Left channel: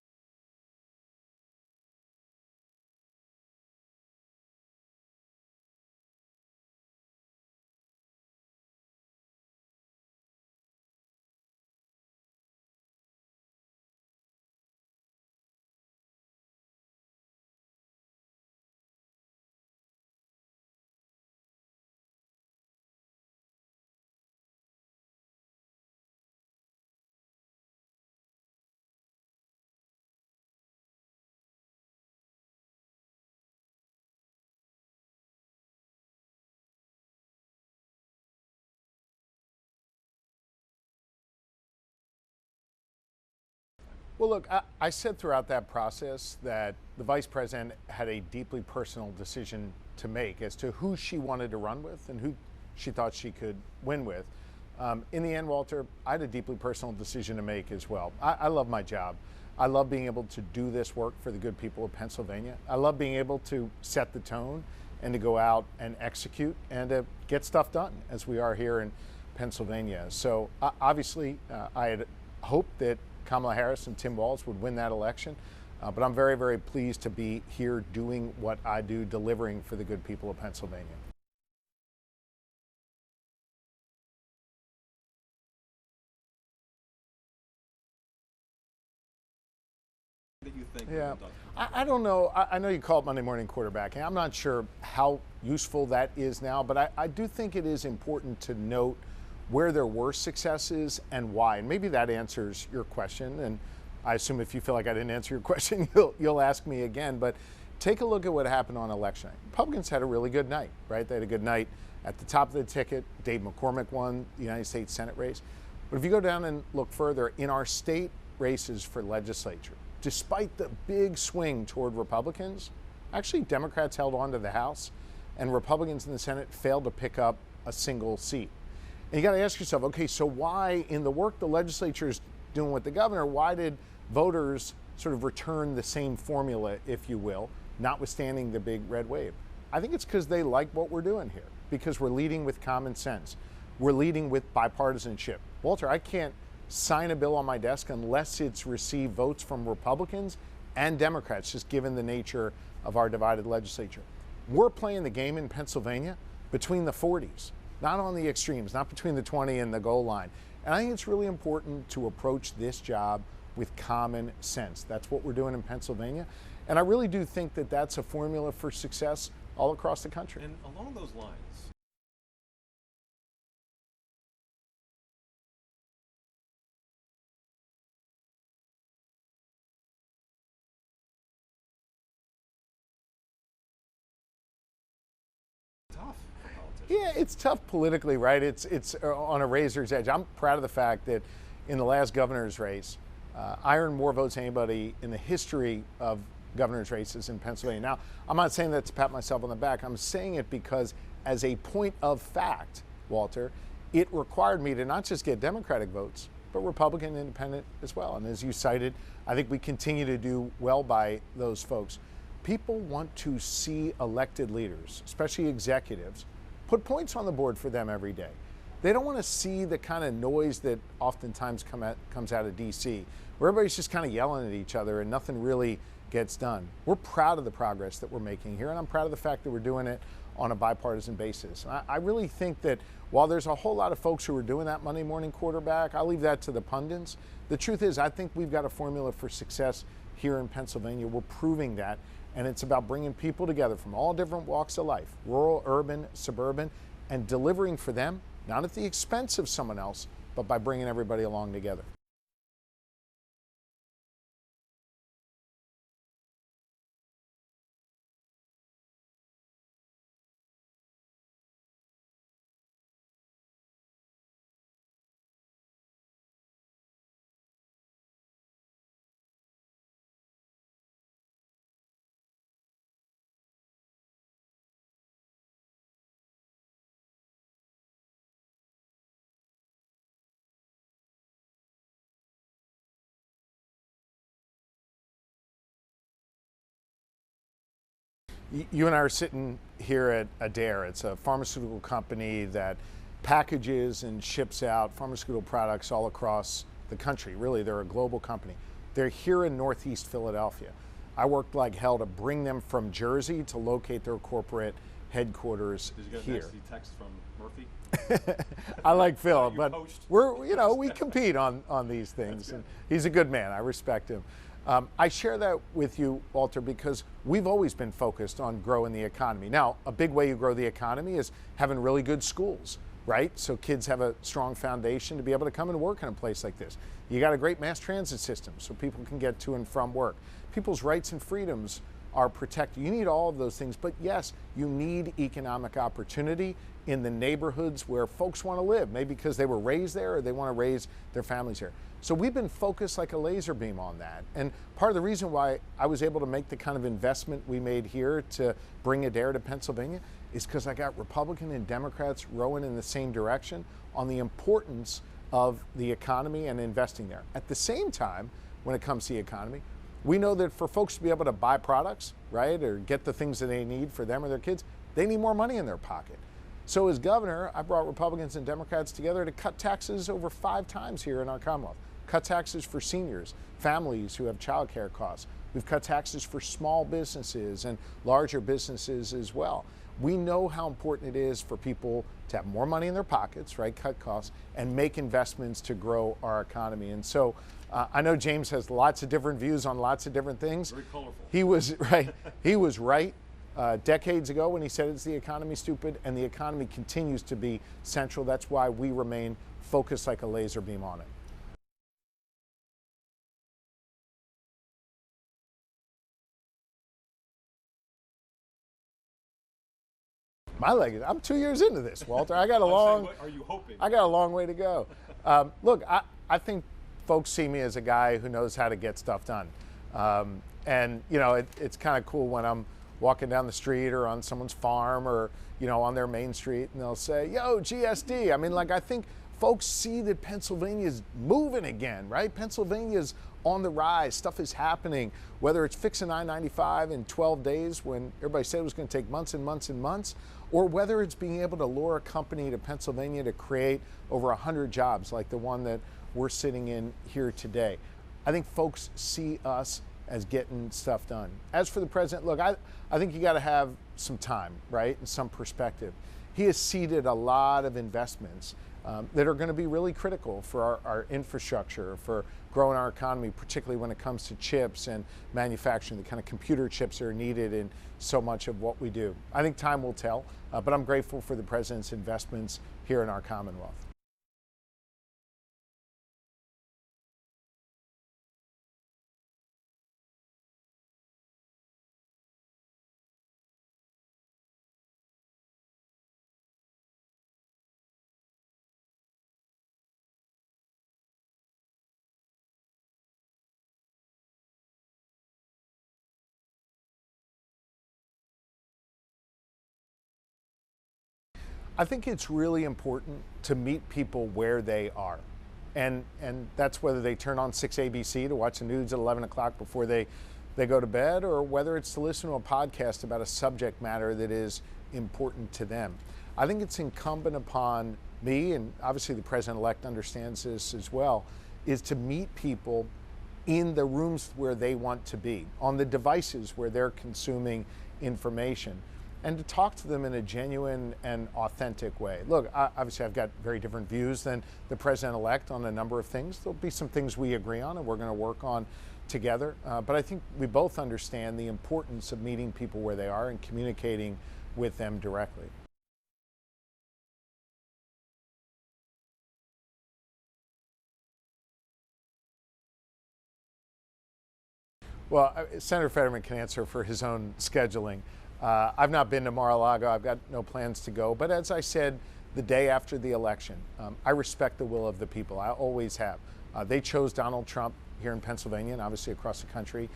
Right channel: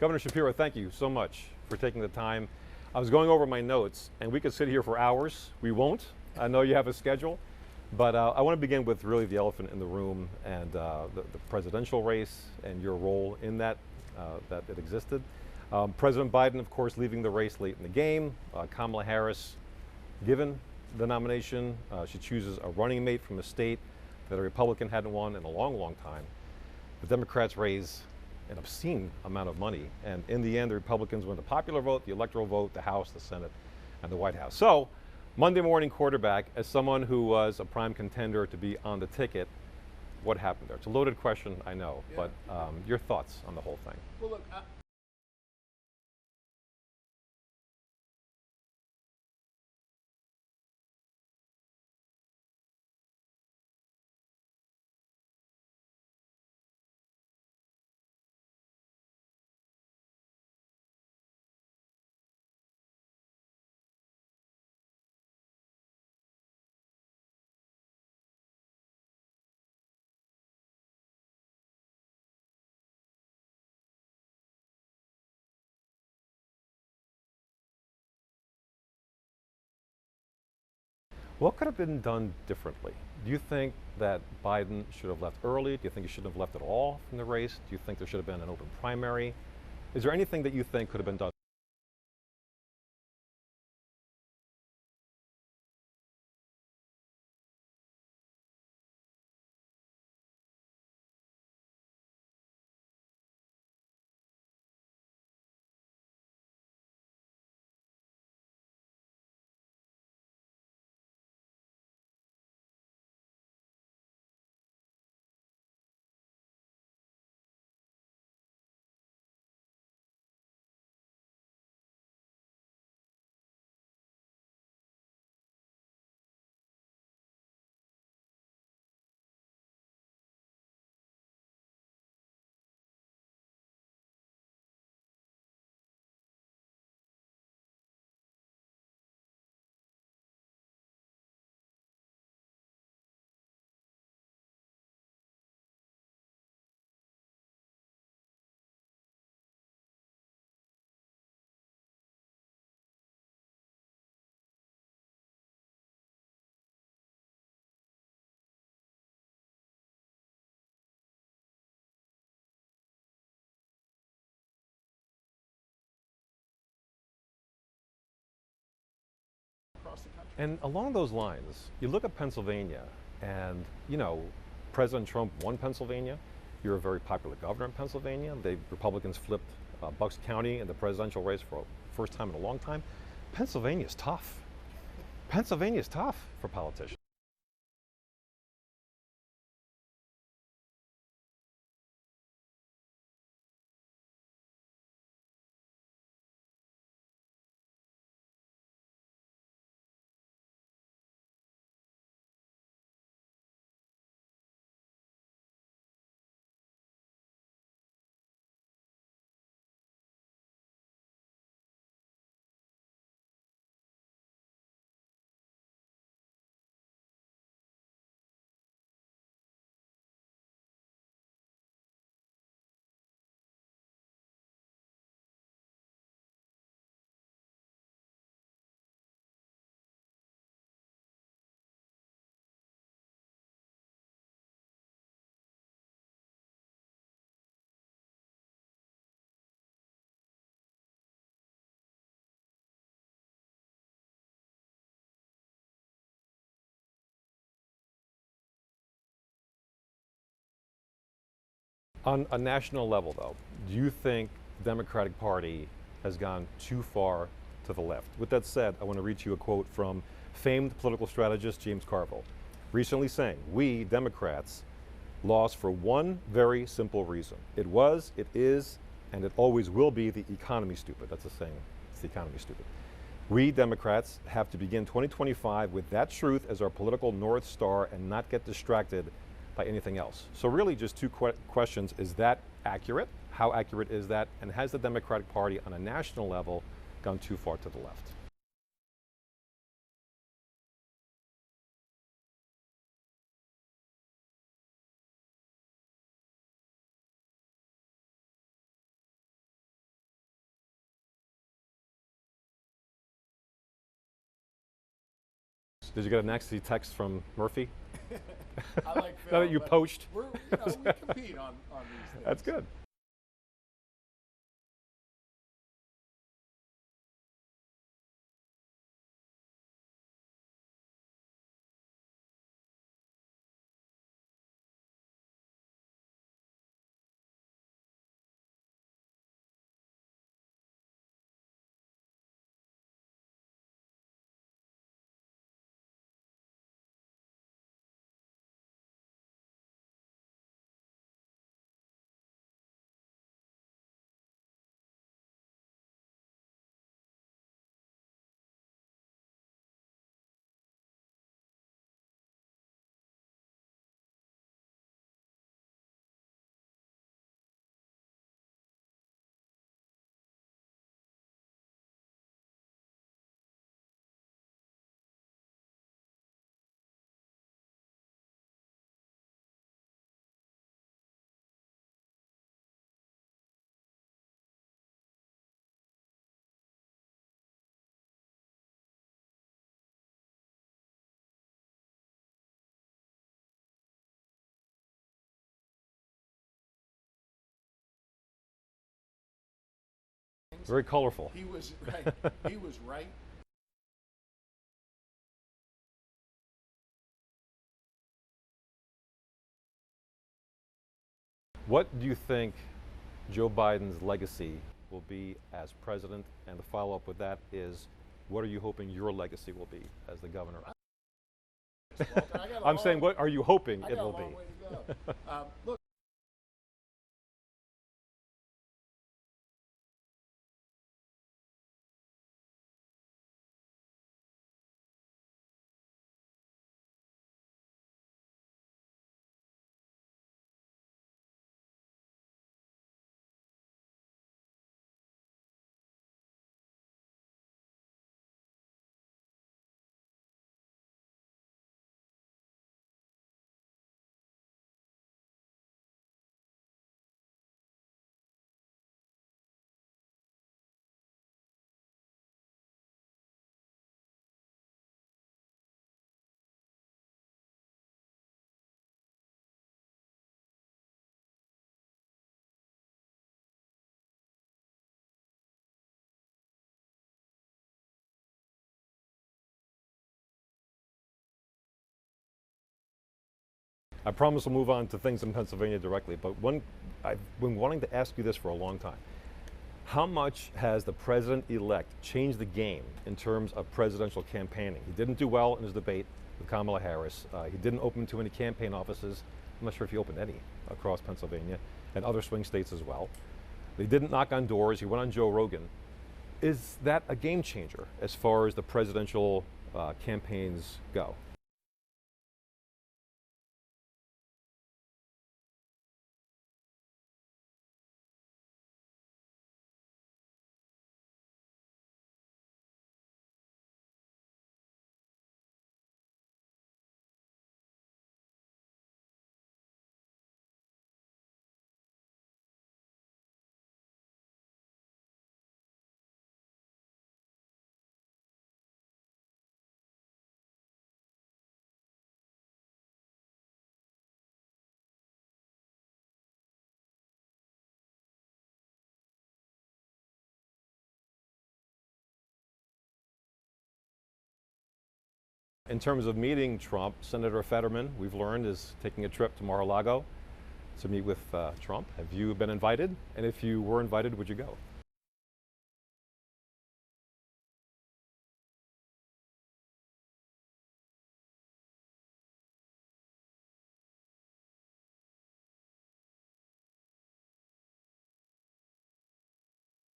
Governor Shapiro, thank you so much for taking the time. I was going over my notes, and we could sit here for hours. We won't. I know you have a schedule, but I want to begin with really the elephant in the room and the presidential race and your role in that, that it existed. President Biden, of course, leaving the race late in the game. Kamala Harris, given the nomination, she chooses a running mate from a state that a Republican hadn't won in a long, long time. The Democrats raise an obscene amount of money, and in the end, the Republicans win the popular vote, the electoral vote, the House, the Senate, and the White House. So, Monday morning quarterback, as someone who was a prime contender to be on the ticket, what happened there? It's a loaded question, I know, but your thoughts on the whole thing. Well, look, I said throughout that process that the vice president had a deeply personal decision to make as to who she wanted to run with and who she thought she could win with. In the end, Walter, I had a deeply personal decision to make as well. I love my job. I love being able to do this work for the good people of Pennsylvania. I love being able to set the tone and to go out and execute and to get stuff done, as we are here in Pennsylvania. So obviously, I had hoped that Kamala Harris and Tim Walz would win that election. But I'm very, very pleased to be here doing what I do, delivering for the good people of Pennsylvania. What could have been done differently? Do you think that Biden should have left early? Do you think he shouldn't have left at all from the race? Do you think there should have been an open primary? Is there anything that you think could have been done? I don't know. I know you call it Monday morning quarterbacking. I'm not sure how useful that is now, but I do think it is important to note where there were successes and why. And maybe that answers your question. And I assume if you feel like I didn't answer your question, you'll ask me again. But take a look at what happened on election night. Republicans had a really good night, right? They had a good night at the top of the ticket. Dave McCormick won the United States Senate race. But if you go down and look further, in our state races for legislature, despite the big swing toward Republicans, actually Democrats held on to the House, and Republicans in the Senate failed to pick up a single seat. And you got to ask yourself, okay, so why, in the work the legislature is doing with the governor, why did voters sort of return the same formula, if you will, notwithstanding the big red wave? I think it's because they like what we're doing here, because we're leading with common sense. We're leading with bipartisanship. Walter, I can't sign a bill on my desk unless it's received votes from Republicans and Democrats, just given the nature of our divided legislature. We're playing the game in Pennsylvania between the 40s, not on the extremes, not between the 20 and the goal line. And I think it's really important to approach this job with common sense. That's what we're doing in Pennsylvania. And I really do think that that's a formula for success all across the country. And along those lines, you look at Pennsylvania and, you know, President Trump won Pennsylvania. You're a very popular governor in Pennsylvania. The Republicans flipped Bucks County in the presidential race for the first time in a long time. Pennsylvania is tough. Pennsylvania is tough for politicians. Yeah, it's tough politically, right? It's on a razor's edge. I'm proud of the fact that in the last governor's race, I earned more votes than anybody in the history of governor's races in Pennsylvania. Now, I'm not saying that to pat myself on the back. I'm saying it because, as a point of fact, Walter, it required me to not just get Democratic votes, but Republican and Independent as well. And as you cited, I think we continue to do well by those folks. People want to see elected leaders, especially executives, put points on the board for them every day. They don't want to see the kind of noise that oftentimes comes out of D.C., where everybody's just kind of yelling at each other and nothing really gets done. We're proud of the progress that we're making here, and I'm proud of the fact that we're doing it on a bipartisan basis. I really think that while there's a whole lot of folks who are doing that Monday morning quarterback, I'll leave that to the pundits. The truth is, I think we've got a formula for success here in Pennsylvania. We're proving that, and it's about bringing people together from all different walks of life, rural, urban, suburban, and delivering for them, not at the expense of someone else, but by bringing everybody along together. On a national level, though, do you think the Democratic Party has gone too far to the left? With that said, I want to read you a quote from famed political strategist James Carville, recently saying, "We, Democrats, lost for one very simple reason. It was, it is, and it always will be the economy stupid." That's a saying. It's the economy stupid. We, Democrats, have to begin 2025 with that truth as our political North Star and not get distracted by anything else. So really just two questions. Is that accurate? How accurate is that? And has the Democratic Party on a national level gone too far to the left? You and I are sitting here at Adair. It's a pharmaceutical company that packages and ships out pharmaceutical products all across the country. Really, they're a global company. They're here in Northeast Philadelphia. I worked like hell to bring them from Jersey to locate their corporate headquarters. Did you get a here. nasty text from Murphy? I like Phil, Oh, you but poached. we compete on these things. That's good. He's a good man. I respect him. I share that with you, Walter, because we've always been focused on growing the economy. Now, a big way you grow the economy is having really good schools, right? So kids have a strong foundation to be able to come and work in a place like this. You got a great mass transit system so people can get to and from work. People's rights and freedoms are protected. You need all of those things, but yes, you need economic opportunity in the neighborhoods where folks want to live, maybe because they were raised there or they want to raise their families here. So we've been focused like a laser beam on that. And part of the reason why I was able to make the kind of investment we made here to bring Adair to Pennsylvania is because I got Republican and Democrats rowing in the same direction on the importance of the economy and investing there. At the same time, when it comes to the economy, we know that for folks to be able to buy products, right, or get the things that they need for them or their kids, they need more money in their pocket. So as governor, I brought Republicans and Democrats together to cut taxes over 5 times here in our Commonwealth. Cut taxes for seniors, families who have child care costs. We've cut taxes for small businesses and larger businesses as well. We know how important it is for people to have more money in their pockets, right, cut costs, and make investments to grow our economy. And so I know James has lots of different views on lots of different things. Very colorful. He was right. He was right decades ago when he said it's the economy, stupid, and the economy continues to be central. That's why we remain focused like a laser beam on it. What do you think Joe Biden's legacy will be as president? And the follow-up with that is, what are you hoping your legacy will be as the governor? My legacy? I'm 2 years into this, Walter. I got a I'm saying, what are you hoping? I got a long way to go. Look, I think folks see me as a guy who knows how to get stuff done. And, you know, it's kind of cool when I'm walking down the street or on someone's farm or, you know, on their main street and they'll say, yo, GSD. I mean, like, I think folks see that Pennsylvania's moving again, right? Pennsylvania's on the rise. Stuff is happening, whether it's fixing I-95 in 12 days when everybody said it was going to take months and months and months, or whether it's being able to lure a company to Pennsylvania to create over 100 jobs like the one that we're sitting in here today. I think folks see us as getting stuff done. As for the president, look, I think you got to have some time, right, and some perspective. He has seeded a lot of investments that are going to be really critical for our infrastructure, for growing our economy, particularly when it comes to chips and manufacturing, the kind of computer chips that are needed in so much of what we do. I think time will tell, but I'm grateful for the president's investments here in our Commonwealth. I promise we'll move on to things in Pennsylvania directly, but I've been wanting to ask you this for a long time. How much has the president-elect changed the game in terms of presidential campaigning? He didn't do well in his debate with Kamala Harris. He didn't open too many campaign offices. I'm not sure if he opened any across Pennsylvania and other swing states as well. They didn't knock on doors. He went on Joe Rogan. Is that a game changer as far as the presidential campaigns go? I think it's really important to meet people where they are. And that's whether they turn on 6ABC to watch the news at 11 o'clock before they go to bed, or whether it's to listen to a podcast about a subject matter that is important to them. I think it's incumbent upon me, and obviously the president-elect understands this as well, is to meet people in the rooms where they want to be, on the devices where they're consuming information, and to talk to them in a genuine and authentic way. Look, obviously I've got very different views than the president-elect on a number of things. There'll be some things we agree on and we're going to work on together, but I think we both understand the importance of meeting people where they are and communicating with them directly. In terms of meeting Trump, Senator Fetterman, we've learned, is taking a trip to Mar-a-Lago to meet with Trump. Have you been invited? And if you were invited, would you go? Well, Senator Fetterman can answer for his own scheduling. I've not been to Mar-a-Lago. I've got no plans to go. But as I said the day after the election, I respect the will of the people. I always have. They chose Donald Trump here in Pennsylvania and obviously across the country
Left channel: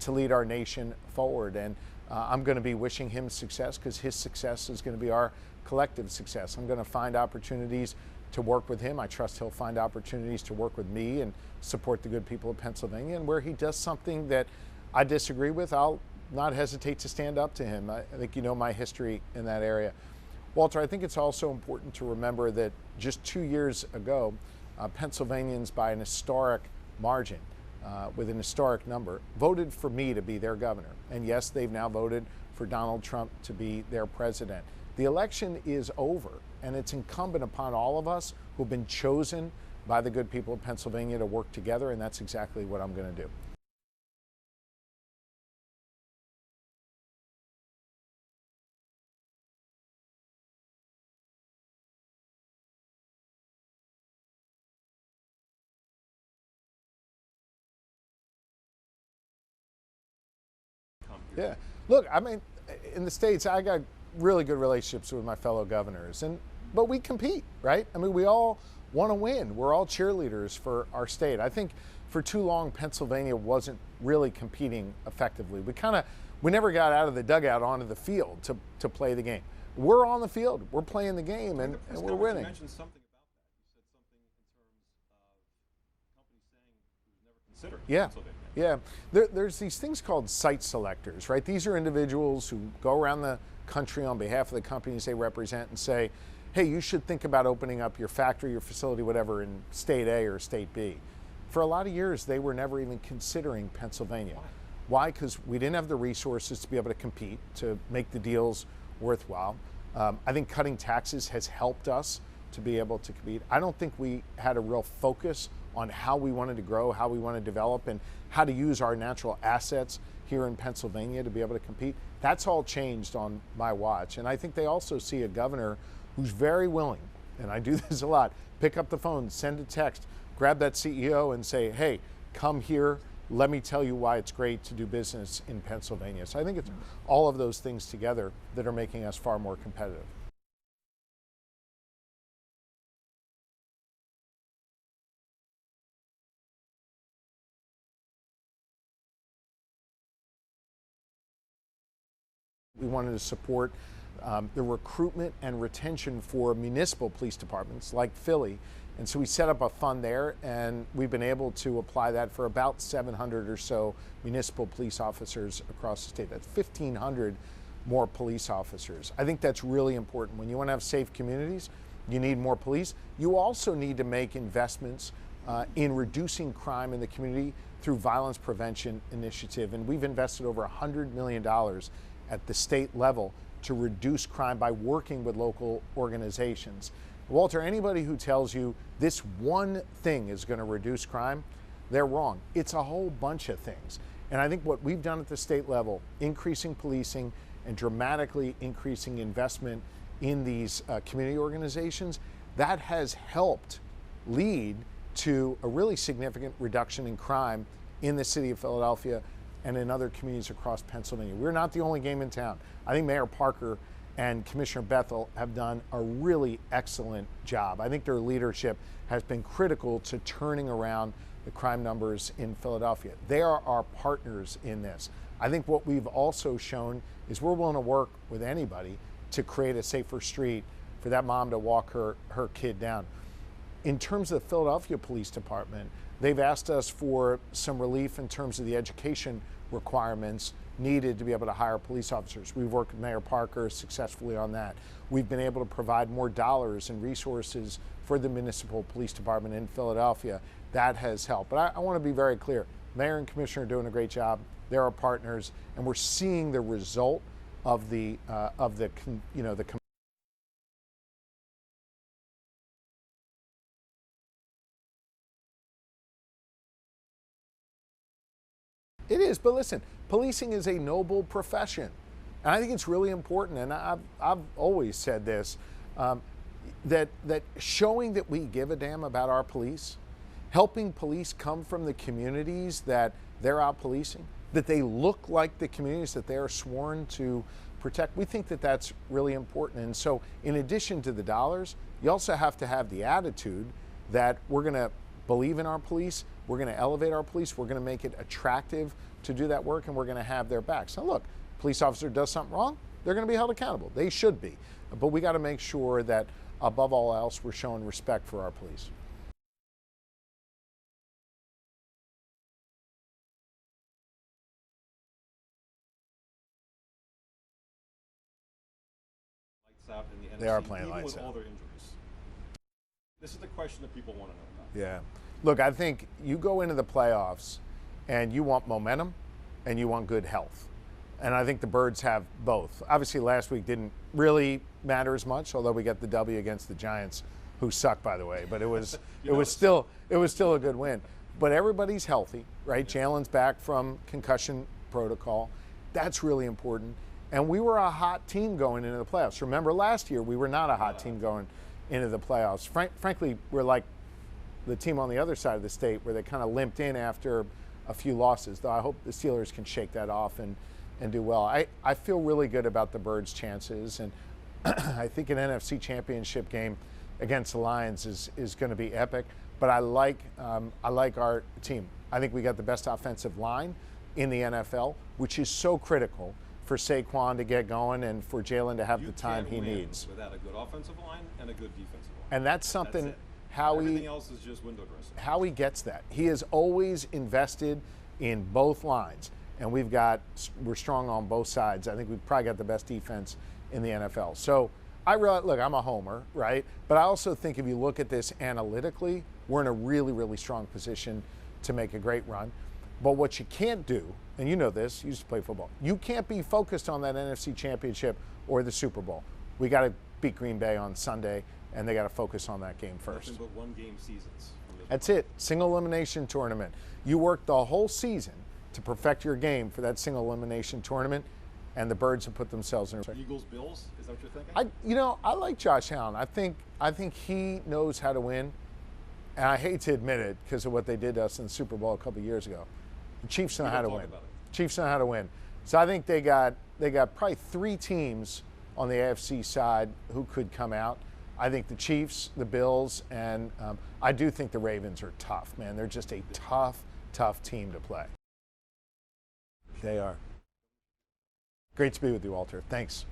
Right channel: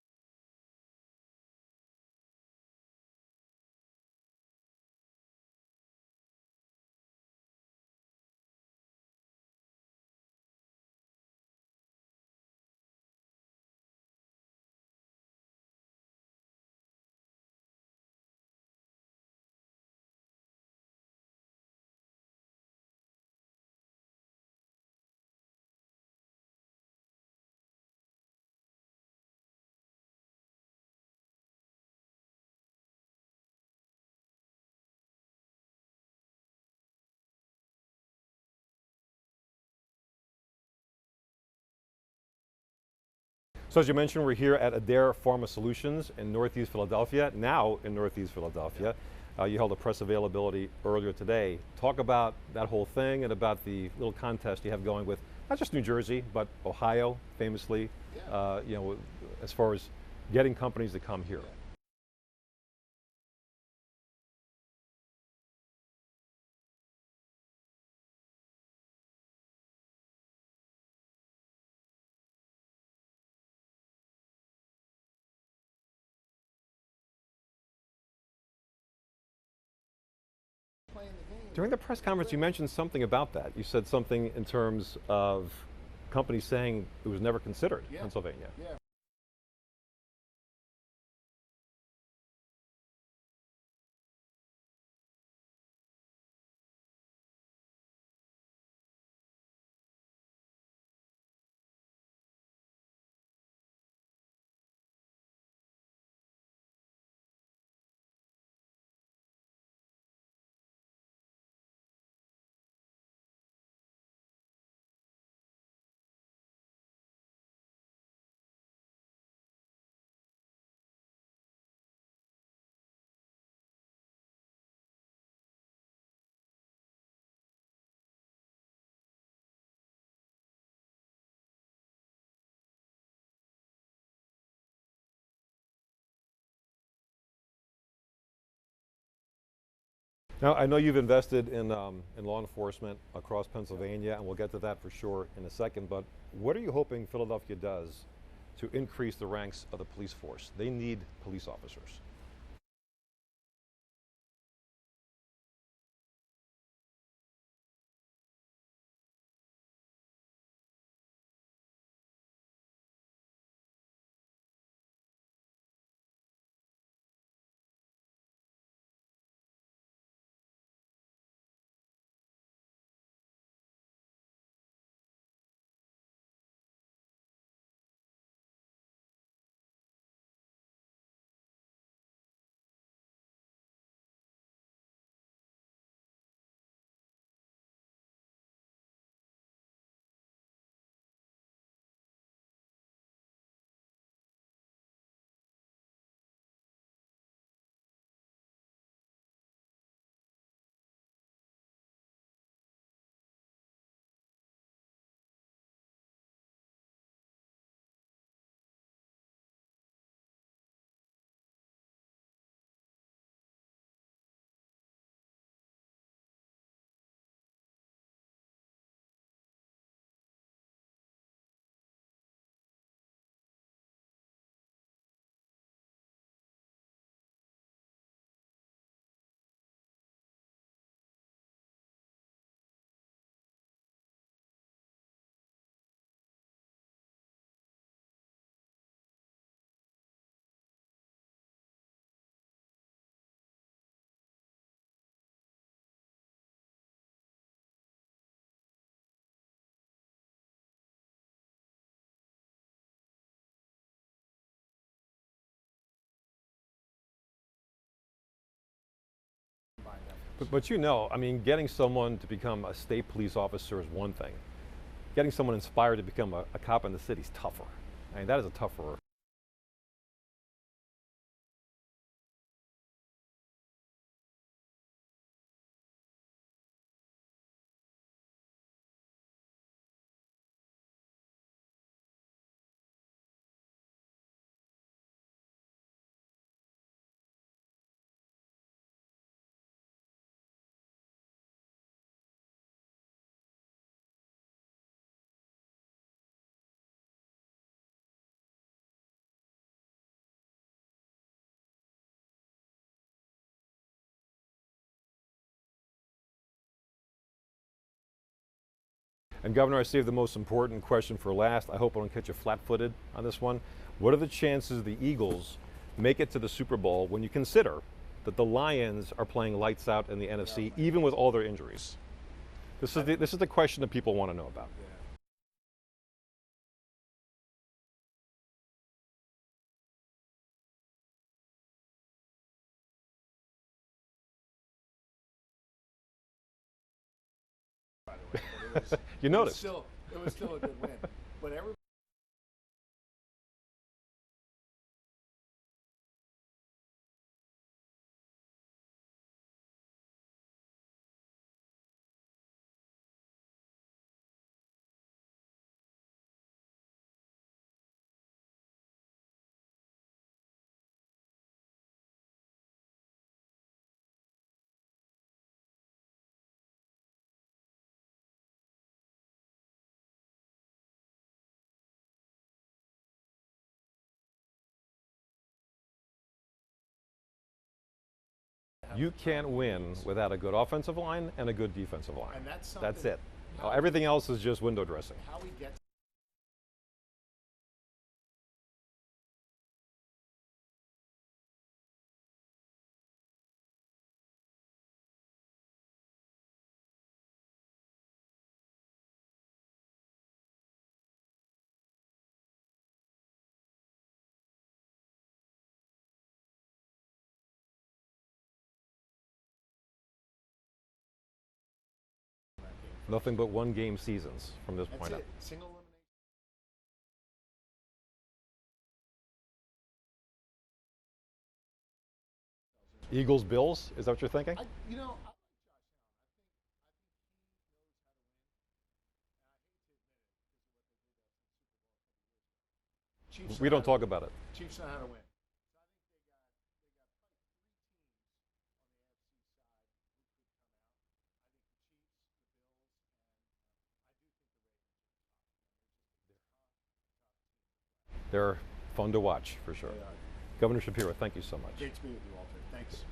to lead our nation forward. And I'm going to be wishing him success because his success is going to be our collective success. I'm going to find opportunities to work with him. I trust he'll find opportunities to work with me and support the good people of Pennsylvania. And where he does something that I disagree with, I'll not hesitate to stand up to him. I think you know my history in that area. Walter, I think it's also important to remember that just 2 years ago, Pennsylvanians, by an historic margin, with an historic number, voted for me to be their governor. And yes, they've now voted for Donald Trump to be their president. The election is over, and it's incumbent upon all of us who've been chosen by the good people of Pennsylvania to work together, and that's exactly what I'm going to do. So as you mentioned, we're here at Adair Pharma Solutions in Northeast Philadelphia, now in Northeast Philadelphia. You held a press availability earlier today. Talk about that whole thing and about the little contest you have going with not just New Jersey, but Ohio, famously, you know, as far as getting companies to come here. Yeah. Look, I mean, in the States, I got really good relationships with my fellow governors, but we compete, right? I mean, we all want to win. We're all cheerleaders for our state. I think for too long, Pennsylvania wasn't really competing effectively. We never got out of the dugout onto the field to play the game. We're on the field. We're playing the game. During the press conference, you mentioned something about that. You said something in terms of companies saying it was never considered in Pennsylvania. Yeah, there's these things called site selectors, right? These are individuals who go around the country on behalf of the companies they represent and say, hey, you should think about opening up your factory, your facility, whatever, in state A or state B. For a lot of years, they were never even considering Pennsylvania. Why? Because we didn't have the resources to be able to compete, to make the deals worthwhile. I think cutting taxes has helped us to be able to compete. I don't think we had a real focus on how we wanted to grow, how we want to develop, and how to use our natural assets here in Pennsylvania to be able to compete. That's all changed on my watch. And I think they also see a governor who's very willing, and I do this a lot, pick up the phone, send a text, grab that CEO and say, hey, come here, let me tell you why it's great to do business in Pennsylvania. So I think it's all of those things together that are making us far more competitive. Now, I know you've invested in law enforcement across Pennsylvania, and we'll get to that for sure in a second, but what are you hoping Philadelphia does to increase the ranks of the police force? They need police officers. We wanted to support the recruitment and retention for municipal police departments like Philly. And so we set up a fund there, and we've been able to apply that for about 700 or so municipal police officers across the state. That's 1,500 more police officers. I think that's really important. When you want to have safe communities, you need more police. You also need to make investments in reducing crime in the community through violence prevention initiative. And we've invested over $100 million at the state level to reduce crime by working with local organizations. Walter, anybody who tells you this one thing is going to reduce crime, they're wrong. It's a whole bunch of things. And I think what we've done at the state level, increasing policing and dramatically increasing investment in these community organizations, that has helped lead to a really significant reduction in crime in the city of Philadelphia and in other communities across Pennsylvania. We're not the only game in town. I think Mayor Parker and Commissioner Bethel have done a really excellent job. I think their leadership has been critical to turning around the crime numbers in Philadelphia. They are our partners in this. I think what we've also shown is we're willing to work with anybody to create a safer street for that mom to walk her kid down. In terms of the Philadelphia Police Department, they've asked us for some relief in terms of the education requirements needed to be able to hire police officers. We've worked with Mayor Parker successfully on that. We've been able to provide more dollars and resources for the municipal police department in Philadelphia. That has helped. But I want to be very clear. Mayor and Commissioner are doing a great job. They're our partners, and we're seeing the result of the combined efforts. But you know, I mean, getting someone to become a state police officer is one thing. Getting someone inspired to become a cop in the city is tougher. I mean, that is a tougher. It is, but listen, policing is a noble profession. And I think it's really important, and I've always said this, that showing that we give a damn about our police, helping police come from the communities that they're out policing, that they look like the communities that they are sworn to protect, we think that that's really important. And so in addition to the dollars, you also have to have the attitude that we're going to believe in our police, we're going to elevate our police, we're going to make it attractive to do that work, and we're going to have their backs. Now look, police officer does something wrong, they're going to be held accountable. They should be. But we got to make sure that above all else, we're showing respect for our police. And Governor, I saved the most important question for last. I hope I don't catch you flat-footed on this one. What are the chances the Eagles make it to the Super Bowl when you consider that the Lions are playing lights out in the NFC, even with all their injuries? This is the question that people want to know about. Yeah. Look, I think you go into the playoffs and you want momentum and you want good health. And I think the Birds have both. Obviously, last week didn't really matter as much, although we got the W against the Giants, who suck, by the way. But it was it was still a good win. But everybody's healthy, right? Jalen's back from concussion protocol. That's really important. And we were a hot team going into the playoffs. Remember last year, we were not a hot team going into the playoffs. Frankly, we're like the team on the other side of the state where they kind of limped in after a few losses. Though I hope the Steelers can shake that off and do well. I feel really good about the Birds' chances, and I think an NFC Championship game against the Lions is going to be epic. But I like our team. I think we got the best offensive line in the NFL, which is so critical for Saquon to get going and for Jalen to have the time he needs. You can't win without a good offensive line and a good defensive line. And that's something. That's it. Everything else is just window dressing. How he gets that. He has always invested in both lines. And we're strong on both sides. I think we've probably got the best defense in the NFL. So look, I'm a homer, right? But I also think if you look at this analytically, we're in a really, really strong position to make a great run. But what you can't do, and you know this, you used to play football, you can't be focused on that NFC Championship or the Super Bowl. We got to beat Green Bay on Sunday, and they got to focus on that game first. Nothing but one-game seasons from this point. That's it. Single elimination tournament. You work the whole season to perfect your game for that single elimination tournament, and the Birds have put themselves in. Eagles, Bills, is that what you're thinking? I like Josh Allen. I think he knows how to win, and I hate to admit it because of what they did to us in the Super Bowl a couple of years ago. The Chiefs know how to win. We don't talk about it. Chiefs know how to win. So I think they got probably 3 teams on the AFC side who could come out. I think the Chiefs, the Bills, and I do think the Ravens are tough, man. They're just a tough team to play. They're fun to watch, for sure. They are. Governor Shapiro, thank you so much. Great to be with you, Walter. Thanks.